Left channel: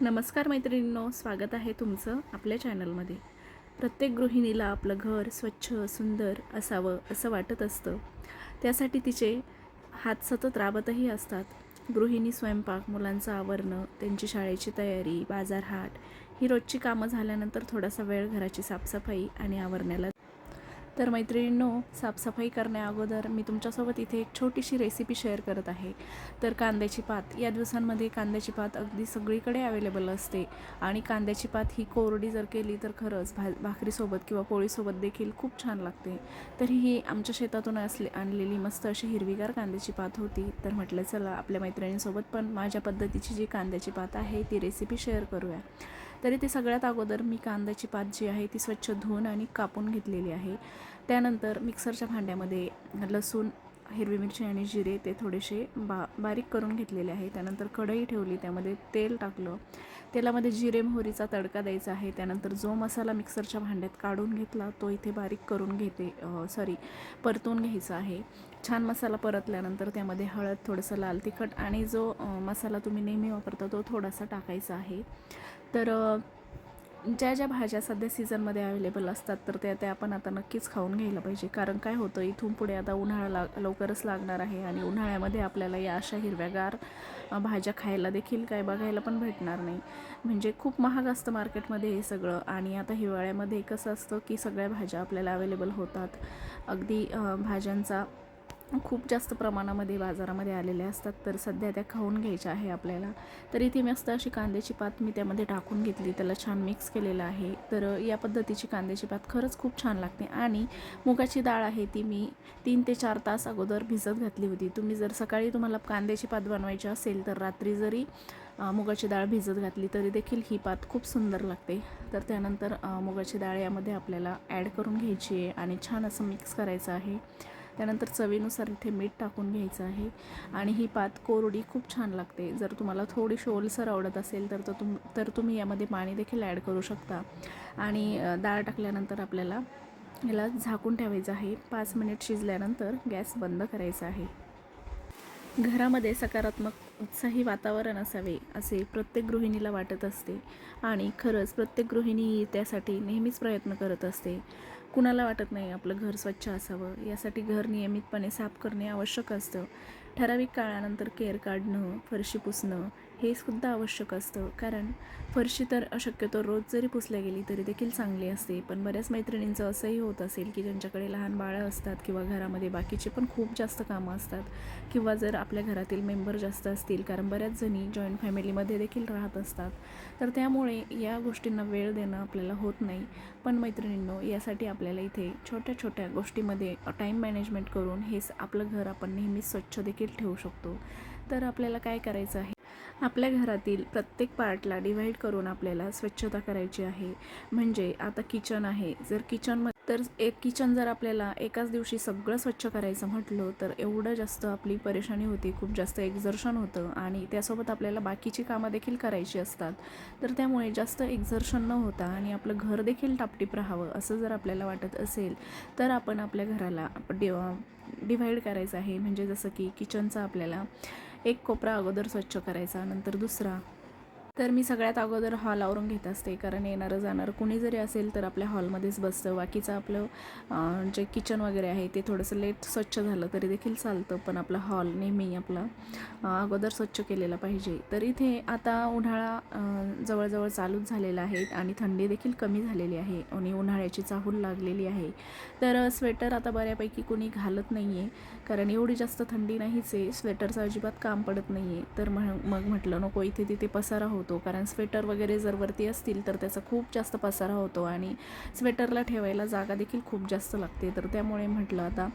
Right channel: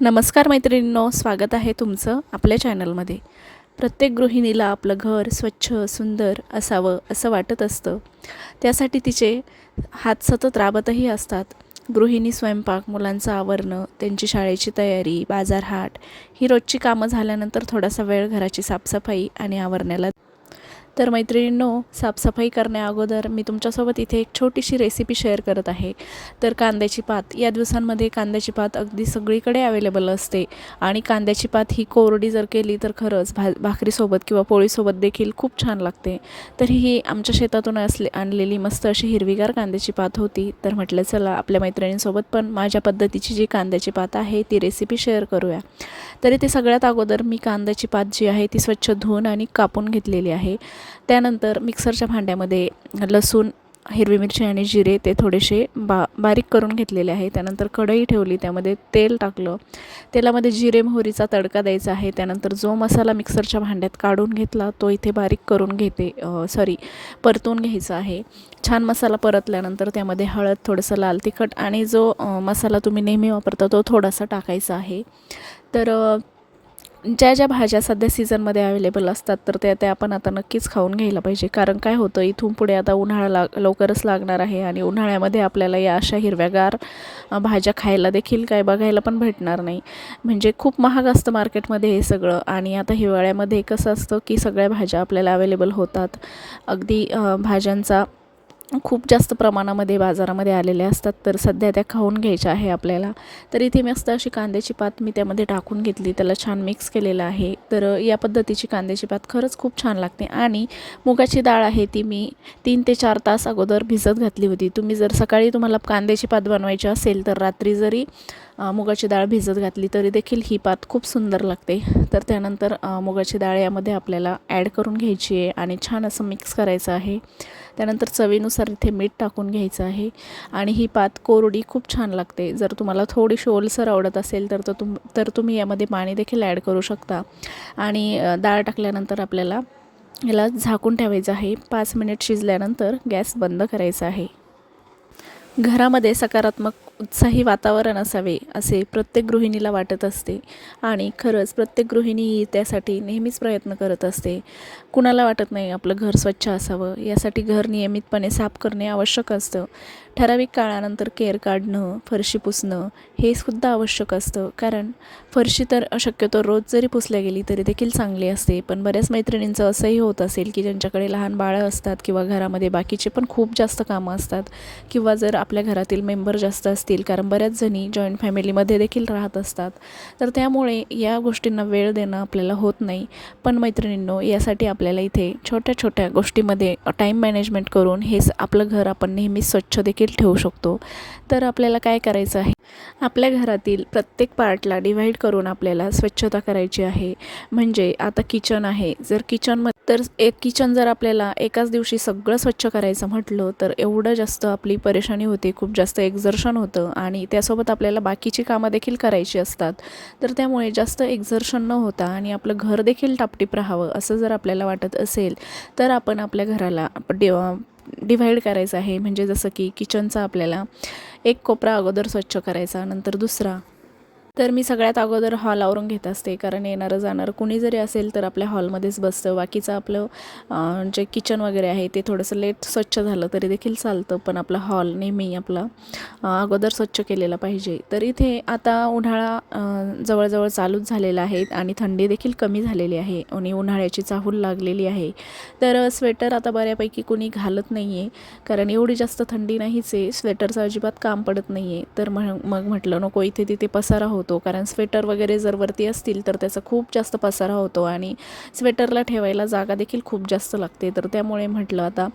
नमस्कार मैत्रिणींनो स्वागत आहे तुमचं आपल्या चॅनलमध्ये. प्रत्येक गृहिणीला आपलं घर स्वच्छ सुंदर असावं असं वाटत असतं. त्यासाठी तिचे हात सतत राबतही असतात. गृहिणी स्वयंपाक मुलांचं आवरणं त्यांची शाळेची तयारी बाजारहाट ही रोजची कामं झाल्यानंतर थोडासा वेळ घराची साफसफाई आणि आवरण्याला तर मैत्रिणींनो साफसफाई करण्या अगोदर मी तुमच्यासोबत इथे एक छोटीशी रेसिपी शेअर करत आहे. तर कांद्याची पात या दिवसांमध्ये कांद्याची पात अगदी सगळीकडे अवेलेबल असते. आणि कांद्याची पात ही कोरडी जर केली तर खरंच भा भाकरीसोबत किंवा पोळीसोबत देखील खूप छान लागते. तर ही आमच्या शेतातून असले आणलेली मस्त अशी हिरवीगार कांद्याची पात होती. तर म्हटलं चला आपल्या मैत्रिणींसोबत पण माझ्या पद्धतीची जी कांद्याची पात आहे ती रेसिपी शेअर करूया. तरी ते सगळ्यात अगोदर मी कांद्याची पात जी आहे ती स्वच्छ धुवून आणि कापून घेतलेली आहे. त्यानंतर मिक्सरच्या भांड्यामध्ये लसूण हिरवी मिरची आणि जिरे ते थोडेसे बा बारीक करून घेतलेले आहे. त्यानंतर कढई ठेवली त्यामध्ये तेल टाकलं. तेलामध्ये जिरे मोहरीचा तडका द्यायचा आहे. त्यानंतर जो मसाला मिक्सरच्या भांड्यात काढून घेतला तो इथे बारीक करून घेते सॉरी परतून घ्यायचा आहे. छान मसाला परतल्यानंतर त्यामध्ये हळद थोडंसं लाल तिखट आणि जो मसाला तुम्ही नेहमी वापरता तो थोडासा टाकायचा आहे. तर ज्या ज्या भाज्या सध्या सीझनमध्ये अवेलेबल असतात तर त्या त्या आपण आता नक्कीच खाऊन घ्यायला पाहिजे. कारण काय होतं इथून पुढे आता उन्हाळा लाग लवकरच लागणार आहे आणि उन्हाळ्यामध्ये आपल्याला या अशा हिरव्यागार भाज्या खायला देखील काय बघायला पण भेटणार नाही. म्हणजे खूप महाग असतं मार्केटमध्ये हे सगळं आणि आता हिवाळ्यामध्ये कसं असतं की सगळ्या भाज्या आपल्याला अवेलेबल होतात. अगदी भाज्यांचा खूप जास्त प्रमाणामध्ये बाजारामध्ये आलेल्या असतात तर सध्या त्या खाऊन घ्यायच्या आहे आपल्याला. तर इथे मस्त अशी कांद्याची पात मी त्यामध्ये टाकून घेतली त्याला छान मिक्स केलेलं आहे. तर या पद्धतीची कांद्याची पात खरंच खूप छान लागते. आणि मुगाची डाळ आहे ती मी तीन ते चार तास अगोदर भिजत घातली होती. तुम्ही जर सकाळी तुम्हाला कांद्याची पात बनवायची असेल तर रात्री जरी मुगाची डाळ भिजत घातली तरी देखील ही पात खूप सुंदर लागते. तर त्यानंतर मुगाची डाळ यामध्ये आपल्याला ॲड करून घ्यायची आहे आणि छान असं मिक्स करायचं आहे. त्यानंतर चवीनुसार इथे मीठ टाकून घ्यायचं आहे. आणि ही पात कोरडी खूप छान लागते. जर तुम्हाला थोडीशी ओलसर आवडत असेल तर तो तुम तर तुम्ही यामध्ये पाणी देखील ॲड करू शकता. आणि डाळ टाकल्यानंतर आपल्याला याला झाकून ठेवायचं आहे. पाच मिनिट शिजल्यानंतर गॅस बंद करायचा आहे. घरामध्ये सकारात्मक उत्साही वातावरण असावे असे प्रत्येक गृहिणीला वाटत असते. आणि खरंच प्रत्येक गृहिणी ही त्यासाठी नेहमीच प्रयत्न करत असते. कुणाला वाटत नाही आपलं घर स्वच्छ असावं. यासाठी घर नियमितपणे साफ करणे आवश्यक असतं. ठराविक काळानंतर केअर काढणं फरशी पुसणं हे सुद्धा आवश्यक असतं. कारण फरशी तर शक्यतो रोज जरी पुसल्या गेली तरी देखील चांगली असते. पण बऱ्याच मैत्रिणींचं असंही होत असेल की ज्यांच्याकडे लहान बाळं असतात किंवा घरामध्ये बाकीचे पण खूप जास्त कामं असतात किंवा जर आपल्या घरातील मेंबर जास्त असतील कारण बऱ्याच जणी जॉईंट फॅमिलीमध्ये देखील राहत असतात. तर त्यामुळे या गोष्टींना वेळ देणं आपल्याला होत नाही. पण मैत्रिणींनो यासाठी आपल्याला इथे छोट्या छोट्या गोष्टीमध्ये टाईम मॅनेजमेंट करून हे आपलं घर आपण नेहमी स्वच्छ देखील ठेवू शकतो. तर आपल्याला काय करायचं आहे? आपल्या घरातील प्रत्येक पार्टला डिव्हाइड करून आपल्याला स्वच्छता करायची आहे. म्हणजे आता किचन आहे. जर किचनमध्ये तर एक किचन जर आपल्याला एकाच दिवशी सगळं स्वच्छ करायचं म्हटलं तर एवढं जास्त आपली परेशानी होते. खूप जास्त एक्झर्शन होतं. आणि त्यासोबत आपल्याला बाकीची कामं देखील करायची असतात. तर त्यामुळे जास्त एक्झर्शन न होता आणि आपलं घर देखील टापटीप राहावं असं जर आपल्याला वाटत असेल तर आपण आपल्या घराला डे डिव्हाइड करायचं आहे. म्हणजे जसं की किचनचा आपल्याला एक कोपरा अगोदर स्वच्छ करायचा नंतर दुसरा तर मी सगळ्यात अगोदर हॉल आवरून घेत असते. कारण येणारं जाणारं कुणी जरी असेल तर आपल्या हॉलमध्येच बसतं. बाकीचं आपलं जे किचन वगैरे आहे ते थोडंसं लेट स्वच्छ झालं तरी देखील चालतं. पण आपला हॉल नेहमी आपला अगोदर स्वच्छ केलेला पाहिजे. तर इथे आता उन्हाळा जवळजवळ चालूच झालेला आहे आणि थंडी देखील कमी झालेली आहे. आणि उन्हाळ्याची चाहूल लागलेली आहे. तर स्वेटर आता बऱ्यापैकी कुणी घालत नाही आहे कारण एवढी जास्त थंडी नाहीच आहे. स्वेटरचं अजिबात काम पडत नाही आहे तर मग मग म्हटलं नको इथे तिथे पसारा होतो कारण स्वेटर वगैरे जर वरती असतील तर त्याचा खूप जास्त पसारा होतो आणि स्वेटरला ठेवायला जागा देखील खूप जास्त लागते. तर त्यामुळे म्हटलं आता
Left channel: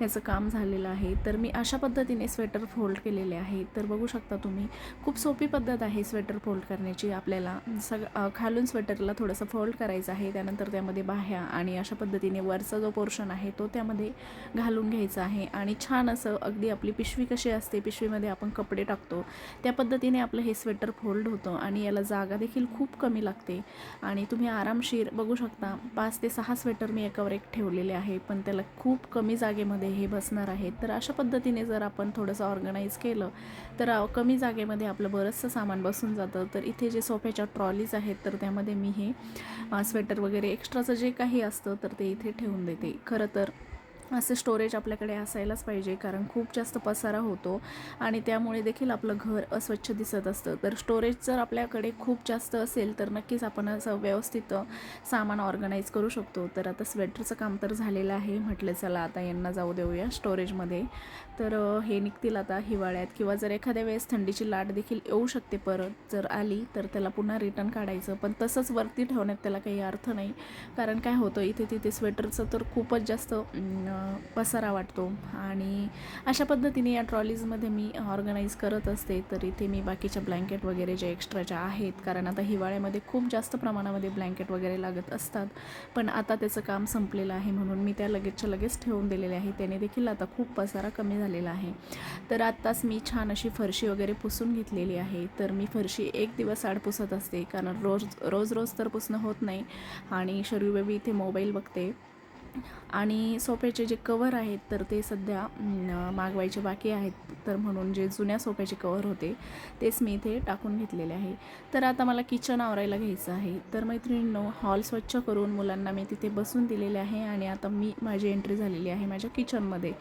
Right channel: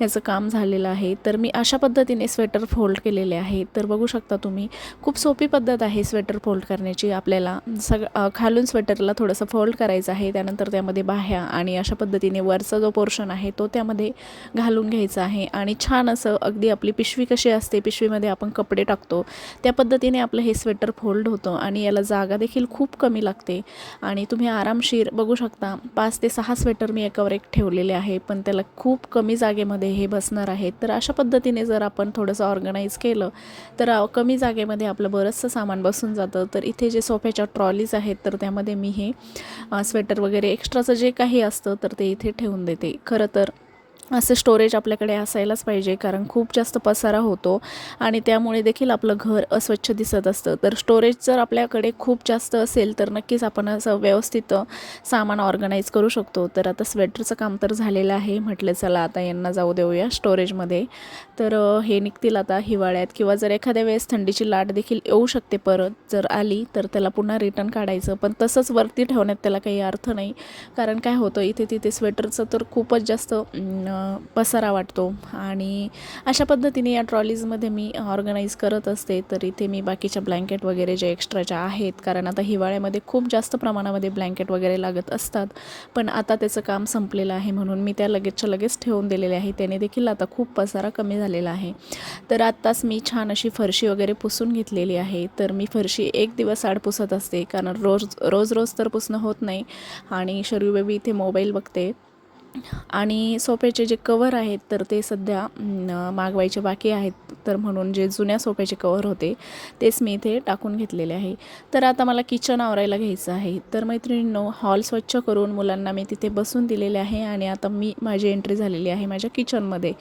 याचं काम झालेलं आहे. तर मी अशा पद्धतीने स्वेटर फोल्ड केलेले आहे. तर बघू शकता तुम्ही खूप सोपी पद्धत आहे स्वेटर फोल्ड करण्याची. आपल्याला सग खालून स्वेटरला थोडंसं फोल्ड करायचं आहे. त्यानंतर त्यामध्ये बाह्या आणि अशा पद्धतीने वरचा जो पोर्शन आहे तो त्यामध्ये घालून घ्यायचा आहे. आणि छान असं अगदी आपली पिशवी कशी असते पिशवीमध्ये आपण कपडे टाकतो त्या पद्धतीने आपलं हे स्वेटर फोल्ड होतं. आणि याला जागा देखील खूप कमी लागते. आणि तुम्ही आरामशीर बघू शकता पाच ते सहा स्वेटर मी एकावर एक ठेवलेले आहे पण त्याला खूप कमी जागेमध्ये हे बसणार आहे. तर अशा पद्धतीने जर आपण थोडंसं ऑर्गनाईज केलं तर कमी जागेमध्ये आपलं बरंचसं सामान बसून जातं. तर इथे जे सोफ्याच्या ट्रॉलीज आहेत तर त्यामध्ये मी हे स्वेटर वगैरे एक्स्ट्राचं जे काही असतं तर ते इथे ठेवून देते. खरं तर असं स्टोरेज आपल्याकडे असायलाच पाहिजे कारण खूप जास्त पसारा होतो आणि त्यामुळे देखील आपलं घर अस्वच्छ दिसत असतं. तर स्टोरेज जर आपल्याकडे खूप जास्त असेल तर नक्कीच आपण असं व्यवस्थित सामान ऑर्गनाईज करू शकतो. तर आता स्वेटरचं काम तर झालेलं आहे. म्हटलं चला आता यांना जाऊ देऊया स्टोरेजमध्ये तर हे निघतील आता हिवाळ्यात किंवा जर एखाद्या वेळेस थंडीची लाट देखील येऊ शकते परत जर आली तर त्याला पुन्हा रिटर्न काढायचं. पण तसंच वरती ठेवण्यात त्याला काही अर्थ नाही. कारण काय होतं इथे तिथे स्वेटरचं तर खूपच जास्त पसारा वाटतो. आणि अशा पद्धतीने या ट्रॉलीजमध्ये मी ऑर्गनाईज करत असते तर इथे मी बाकीच्या ब्लँकेट वगैरे जे एक्स्ट्राच्या आहेत कारण आता हिवाळ्यामध्ये खूप जास्त प्रमाणामध्ये ब्लँकेट वगैरे लागत असतात पण आता त्याचं काम संपलेलं आहे म्हणून मी त्या लगेचच्या लगेच ठेवून दिलेले आहे. त्याने देखील आता खूप पसारा कमी झालेला आहे. तर आत्ताच मी छान अशी फरशी वगैरे पुसून घेतलेली आहे. तर मी फरशी एक दिवस आड पुसत असते कारण रोज रोज रोज तर पुसणं होत नाही. आणि शरीर बेबी इथे मोबाईल बघते. आणि सोफ्याचे जे कवर आहेत तर ते सध्या मागवायचे बाकी आहेत. तर म्हणून जे जुन्या सोफ्याचे कवर होते तेच मी इथे टाकून घेतलेले आहे. तर आता मला किचन आवरायला घ्यायचं आहे. तर मैत्रिणींनो हॉल स्वच्छ करून मुलांना मी तिथे बसून दिलेले आहे आणि आता मी माझी एंट्री झालेली आहे माझ्या किचनमध्ये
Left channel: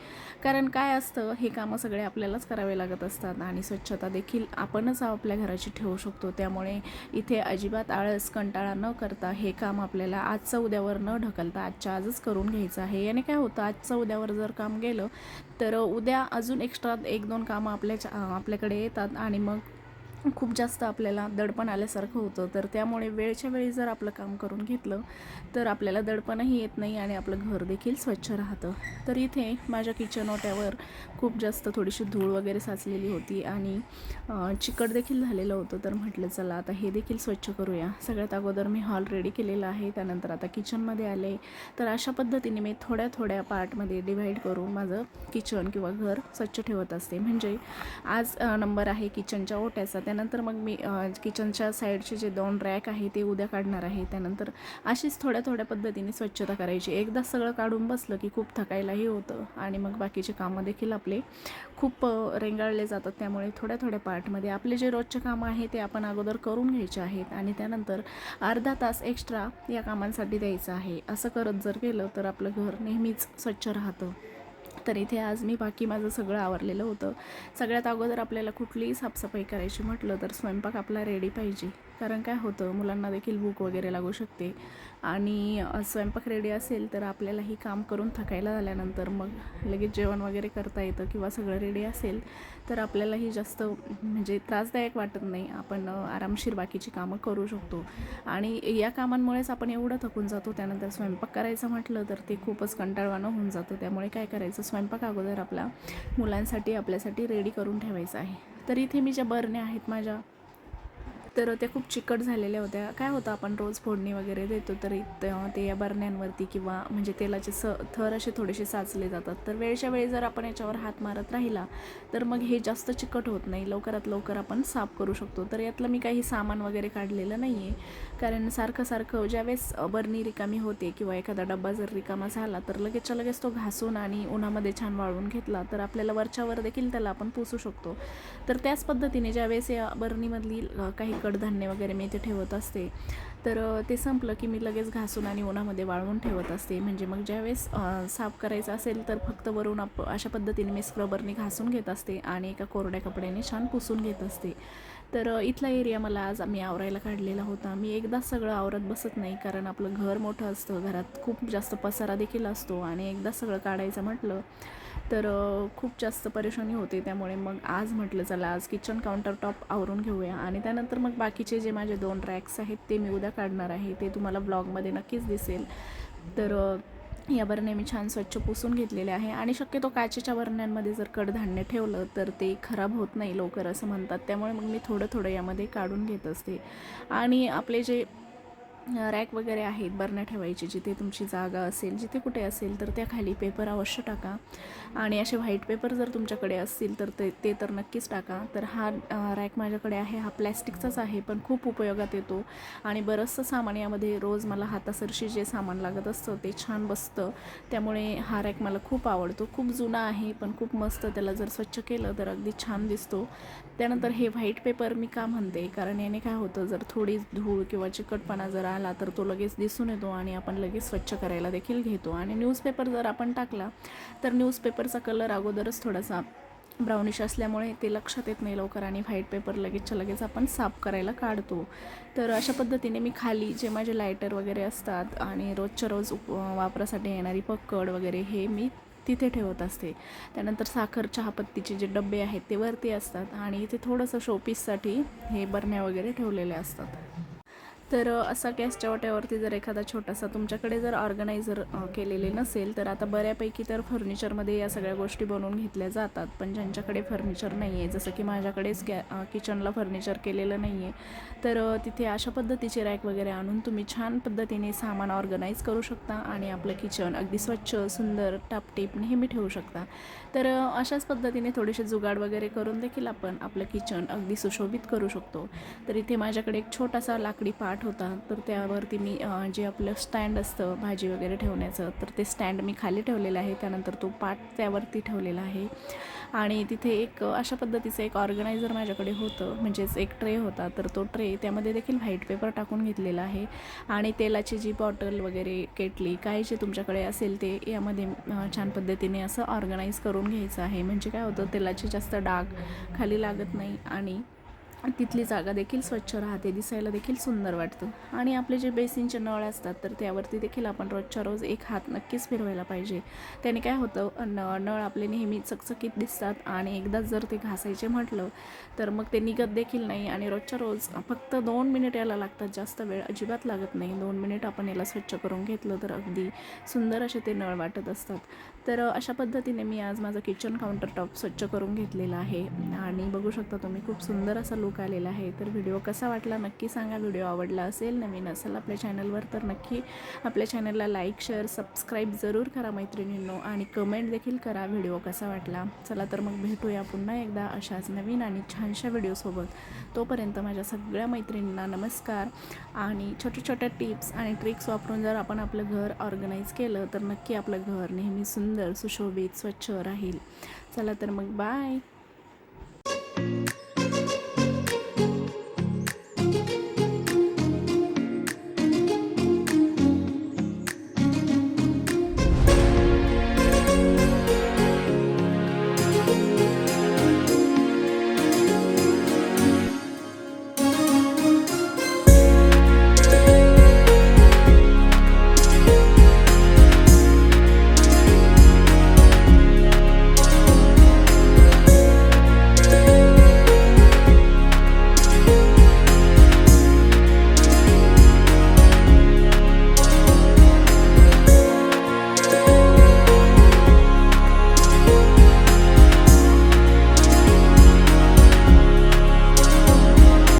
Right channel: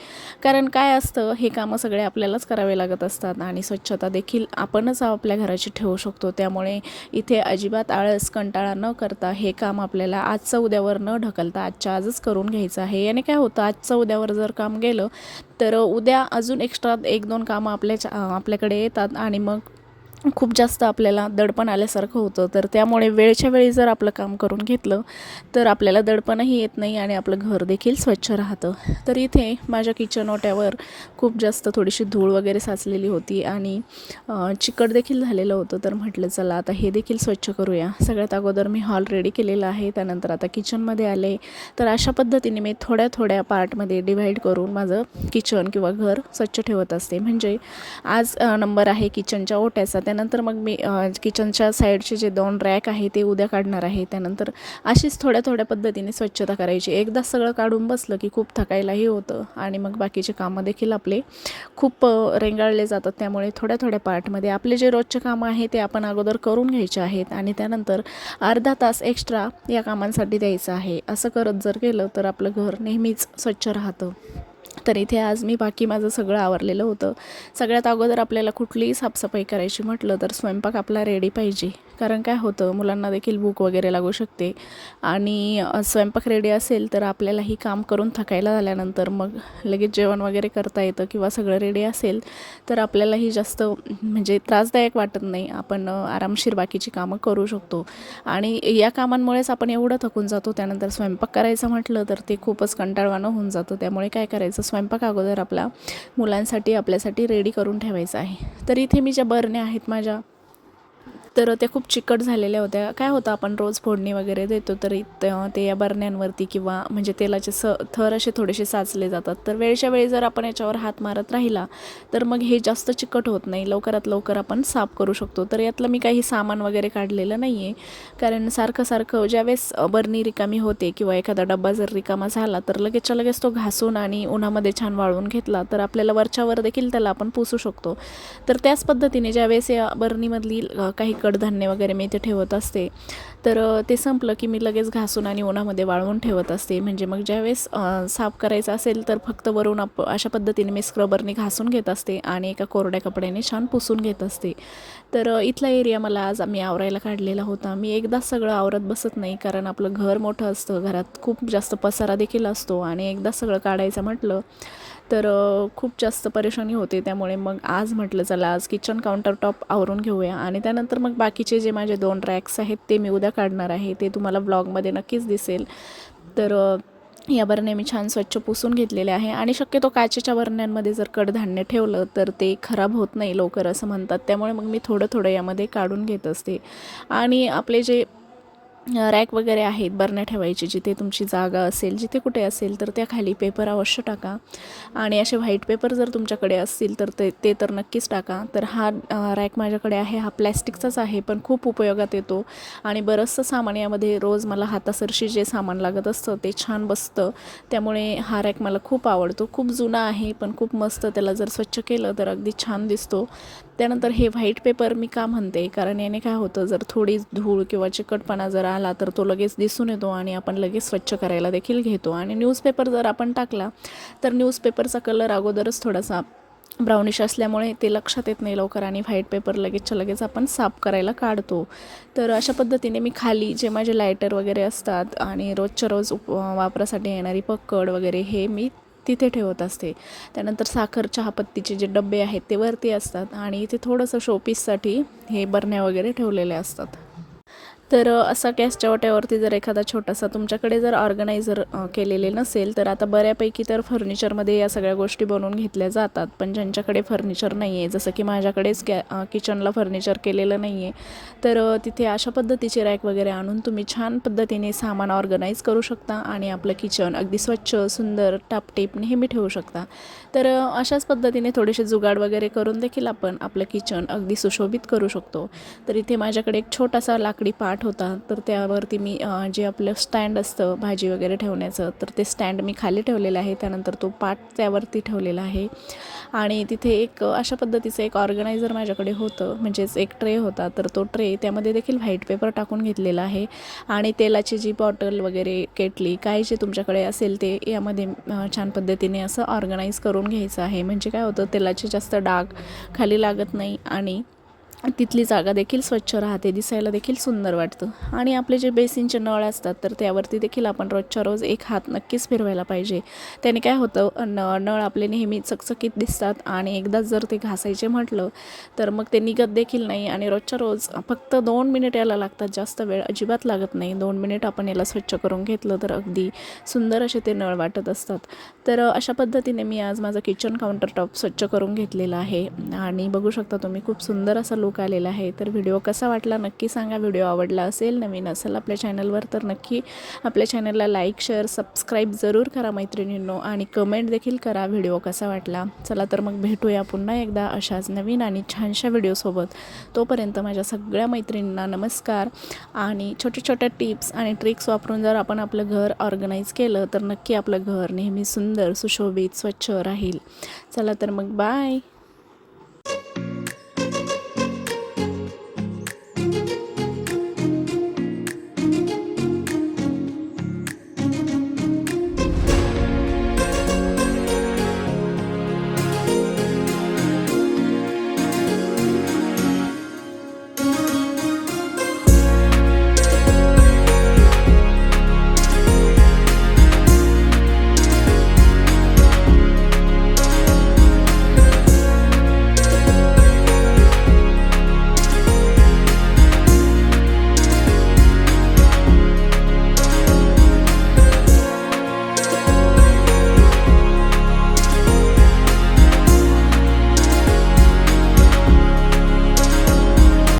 कारण काय असतं हे कामं सगळे आपल्यालाच करावे लागत असतात आणि स्वच्छता देखील आपणच आपल्या घराची ठेवू शकतो. त्यामुळे इथे अजिबात आळस कंटाळा न करता हे काम आपल्याला आजचं उद्यावर न ढकलता आजच्या आजच करू करून घ्यायचं आहे. याने काय होतं आजचं उद्यावर जर काम गेलं तर उद्या अजून एक्स्ट्रा एक दोन कामं आपल्याच्या आपल्याकडे येतात आणि मग खूप जास्त आपल्याला दडपण आल्यासारखं होतं. तर त्यामुळे वेळच्या वेळी जर आपलं काम करून घेतलं तर आपल्याला दडपणही येत नाही आणि आपलं घर देखील स्वच्छ राहतं. तर इथे माझ्या किचन ओट्यावर खूप जास्त थोडीशी धूळ वगैरे साचलेली होती आणि चिकट देखील झालेलं होतं. तर म्हटलं चला आता हे देखील स्वच्छ करूया. सगळ्यात अगोदर मी हॉल रेडी केलेला आहे. त्यानंतर आता किचनमध्ये आले. तर अशा पद्धतीने मी थोड्या थोड्या पार्टमध्ये डिव्हाइड करून माझं किचन किंवा घर स्वच्छ ठेवत असते. म्हणजे आज नंबर आहे किचनच्या ओट्याचा. त्यानंतर मग मी किचनच्या साईडचे जे दोन रॅक आहे ते उद्या काढणार आहे. त्यानंतर अशीच थोड्या थोड्या पद्धतीने स्वच्छता करायची. एकदा सगळं काढून बसलं की खूप थकायलाही होतं आणि मग बाकीचे कामं देखील आपले खूप रेंगाळले जातात. त्यामुळे थोड्या थोड्या पार्टमध्ये आपले जे रोजचे कामं आहे ते आपण अगोदर करून घ्यायचे आहेत आणि त्यानंतर अर्धा तास एक्स्ट्रा या कामांसाठी द्यायचं आहे. असं करत जर केलं तर आपलं घर नेहमीच स्वच्छ राहतं. तर इथे आज मी बाकी माझं सगळं आवरलेलं होतं. सगळ्यात अगोदर आपल्याला कुठलीही साफसफाई करायची म्हटलं तर स्वयंपाक आपला रेडी पाहिजे. कारण काय होतं मुलांना देखील भूक वगैरे लागू शकते. आणि स्वयंपाक रेडी असेल तर आपल्यालाही काम करून थकायला झाल्यानंतर मग लगेच जेवण वगैरे करता येतं किंवा सगळं रेडी असेल तर आपल्यालाही जास्त म्हणजे त्रासदायक वाटत नाही. आपण आरामशीर बाकीची कामं करू शकतो. आणि या कामांमुळेच आपण एवढं थकून जातो. त्यानंतर स्वयंपाक करायचं म्हटलं तर ते खूपच कंटाळवाणं होऊन जातं. त्यामुळे काय करायचं स्वयंपाक अगोदर आपला मुलांसाठी आपल्यासाठी रेडी करून ठेवायचं आहे. तर इथे मी ज्या बरण्या आहेत माझ्या तर त्या खूप चिकट झालेल्या होत्या. काय होतं आपण रोज फोडणी वगैरे देतो तर ते या बरण्यांवरती किंवा म्हणजे तेलाचे स थर असे थोडेसे साचले जातात. तर वेळच्या वेळी जर आपण याच्यावर हात मारत राहिला तर मग हे जास्त चिकट होत नाही. लवकरात लवकर आपण साफ करू शकतो. तर यातलं मी काही सामान वगैरे काढलेलं नाही आहे कारण सारखं सारखं ज्यावेळेस बरणी रिकामी होते किंवा एखादा डब्बा जर रिकामा झाला तर लगेचच्या लगेच तो घासून आणि उन्हामध्ये छान वाळवून घेतला तर आपल्याला वरच्यावर देखील त्याला आपण पुसू शकतो. तर त्याच पद्धतीने ज्यावेळेस या बरणीमधली काही कडधान्य वगैरे मी इथे ठेवत असते. तर ते संपलं की मी लगेच घासून आणि उन्हामध्ये वाळवून ठेवत असते. म्हणजे मग ज्यावेळेस साफ करायचं असेल तर फक्त वरून आप अशा पद्धतीने मी स्क्रबरने घासून घेत असते आणि एका कोरड्या कपड्याने छान पुसून घेत असते. तर इथला एरिया मला आज आम्ही आवरायला काढलेला होता. मी एकदा सगळं आवरत बसत नाही कारण आपलं घर मोठं असतं. घरात खूप जास्त पसारा देखील असतो आणि एकदा सगळं काढायचं म्हटलं तर खूप जास्त परेशानी होते. त्यामुळे मग आज म्हटलं चला आज किचन काउंटर टॉप आवरून घेऊया. आणि त्यानंतर मग बाकीचे जे माझे दोन रॅक्स आहेत ते मी उद्या काढणार आहे ते तुम्हाला ब्लॉगमध्ये नक्कीच दिसेल. तर या बरण्या मी छान स्वच्छ पुसून घेतलेल्या आहे आणि शक्यतो काचेच्या बरण्यांमध्ये जर कडधान्य ठेवलं तर ते खराब होत नाही लवकर असं म्हणतात. त्यामुळे मग मी थोडं थोडं यामध्ये काढून घेत असते. आणि आपले जे रॅक वगैरे आहेत बरण्या ठेवायचे जिथे तुमची जागा असेल जिथे कुठे असेल तर त्या खाली पेपर अवश्य टाका. आणि असे व्हाईट पेपर जर तुमच्याकडे असतील तर ते ते तर नक्कीच टाका. तर हा रॅक माझ्याकडे आहे हा प्लॅस्टिकचाच आहे पण खूप उपयोगात येतो. आणि बरंचसं सामान यामध्ये रोज मला हातासरशी जे सामान लागत असतं ते छान बसतं. त्यामुळे हा रॅक मला खूप आवडतो. खूप जुना आहे पण खूप मस्त त्याला जर स्वच्छ केलं तर अगदी छान दिसतो. त्यानंतर हे व्हाईट पेपर मी का म्हणते? कारण याने काय होतं जर थोडी धूळ किंवा चिकटपणा जर आला तर तो लगेच दिसून येतो आणि आपण लगेच स्वच्छ करायला देखील घेतो. आणि न्यूजपेपर जर आपण टाकला तर न्यूजपेपरचा कलर अगोदरच थोडासा ब्राउनिश असल्यामुळे ते लक्षात येत नाही लवकर आणि व्हाईट पेपर लगेचच्या लगेच आपण साफ करायला काढतो. तर अशा पद्धतीने मी खाली जे माझे लायटर वगैरे असतात आणि रोजच्या रोज उप वापरासाठी येणारी पक्कड वगैरे हे मी तिथे ठेवत असते. त्यानंतर साखर चहापत्तीचे जे डबे आहेत ते वरती असतात आणि इथे थोडंसं शोपीससाठी हे बरण्या वगैरे ठेवलेले असतात. तर असा गॅसच्या वाट्यावरती जर एखादा छोटासा तुमच्याकडे जर ऑर्गनायझर केलेले नसेल तर आता बऱ्यापैकी तर फर्निचरमध्ये या सगळ्या गोष्टी बनवून घेतल्या जातात. पण ज्यांच्याकडे फर्निचर नाही आहे जसं की माझ्याकडेच गॅ किचनला फर्निचर केलेलं नाही आहे तर तिथे अशा पद्धतीचे रॅक वगैरे आणून तुम्ही छान पद्धतीने सामान ऑर्गनाईज करू शकता आणि आपलं किचन अगदी स्वच्छ सुंदर टापटीप नेहमी ठेवू शकता. तर अशाच पद्धतीने थोडेसे जुगाड वगैरे करून देखील आपण आपलं किचन अगदी सुशोभित करू शकतो. तर इथे माझ्याकडे एक छोटासा लाकडी पाट होता तर त्यावरती मी जे आपलं स्टँड असतं भाजी वगैरे ठेवण्याचं तर ते स्टँड मी खाली ठेवलेलं आहे. त्यानंतर तो पाट त्यावरती ठेवलेला आहे. आणि तिथे एक अशा पद्धतीचं एक ऑर्गनायझर माझ्याकडे होतं म्हणजेच एक ट्रे होता. तर तो ट्रे त्यामध्ये देखील व्हाईट पेपर टाकून घेतलेला आहे. आणि तेलाची जी बॉटल वगैरे केटली काय जे तुमच्याकडे असेल ते यामध्ये छान पद्धतीने असं ऑर्गनाईज करून घ्यायचं आहे. म्हणजे काय होतं तेलाचे जास्त डाग खाली लागत नाही आणि तिथली जागा देखील स्वच्छ राहते दिसायला देखील सुंदर वाटतं. आणि आपले जे बेसिनचे नळ असतात तर त्यावरती देखील आपण रोजच्या रोज एक हात नक्कीच फिरवायला पाहिजे. त्याने काय होतं न नळ आपले नेहमी चकचकीत दिसतात आणि एकदाच जर ते घासायचे म्हटलं तर मग ते निघत देखील नाही आणि रोजच्या रोज फक्त दोन मिनिट याला लागतात जास्त वेळ अजिबात लागत नाही. दोन मिनिट आपण याला स्वच्छ करून घेतलं तर अगदी सुंदर असे ते नळ वाटत असतात. तर अशा पद्धतीने मी आज माझं किचन काउंटर टॉप स्वच्छ करून घेतलेलं आहे. आणि बघू शकता तुम्ही खूप सुंदर असा लुक आलेला आहे. तर व्हिडिओ कसा वाटला नक्की सांगा. व्हिडिओ आवडला असेल नवीन असेल आपल्या चॅनलवर तर नक्की आपल्या चॅनलला लाईक शेअर सबस्क्राईब जरूर करा मैत्रिणींनो आणि कमेंट देखील करा व्हिडिओ कसा वाटला. चला तर मग भेटूया पुन्हा एकदा अशाच नवीन आणि छानशा व्हिडिओसोबत तोपर्यंत माझ्या सगळ्या मैत्रिणींना नमस्कार आणि छोट्या छोट्या टिप्स आणि ट्रिक्स वापरून जर आपण आपलं घर ऑर्गनाईज केलं तर नक्की आपलं घर नेहमी सुंदर सुशोभित स्वच्छ राहील. चला तर मग बाय